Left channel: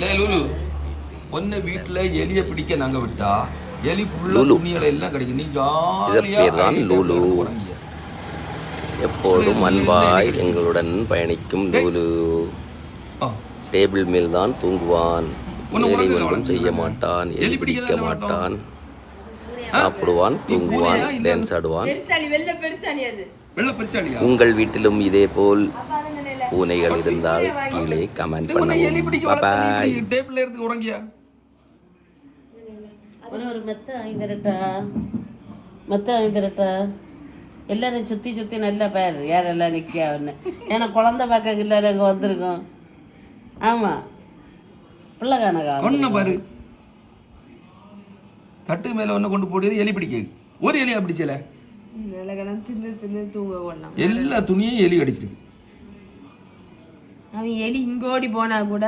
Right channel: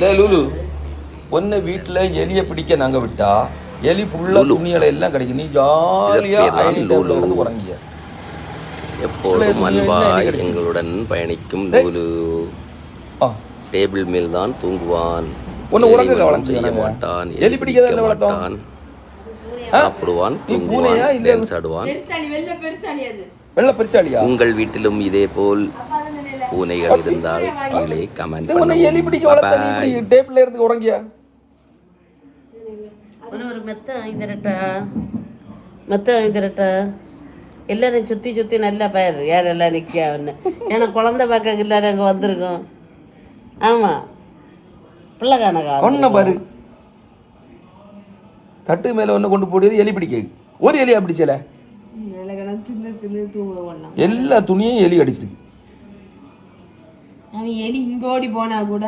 லே லூலு, ஒன்ன வீட்டுல எலிய பிடிக்க நாங்க விட்டா எலி புள்ள துணிகளை எல்லாம் கிடைக்கும். நீ ஜாலியா தான் லூலு. எப்போதும் அன்பாய் எங்களுடன் பயணிக்கும் லூலு. டேபிள் மேல் தான் தூங்குவான். வேலை ஒன்றும் செய்ய மாட்டான். எலி பிடிக்க மாட்டான். சாப்பிடுவான், தூங்குவான், டான்ஸ் ஆடுவான். உங்கள் வீட்டிலும் இதே போல் பூனைகள் இருந்தால் கீழே கமெண்ட் பண்ணவும். பாய். டேபிள்ல இருந்து உறங்கியா? ஒரு மெத்த வாங்கிரட்டா எல்லாரும் சுத்தி சுத்தி நல்லா பாரு யாரெல்லாம் நிக்கான்னு. ஏன்னா குழந்தை பார்க்க எல்லாரும் அங்க வந்திருக்கோம். ஆமா பிள்ளை காண பாரு தட்டு மேல ஒண்ணு கொண்டு போடுறது எலி பிடிக்க. ஒரு எலியா பிடிச்சல எல்லா துணியும் எலி அடிச்சிருக்கு. அவன் எலி இங்கோடி போனா கூட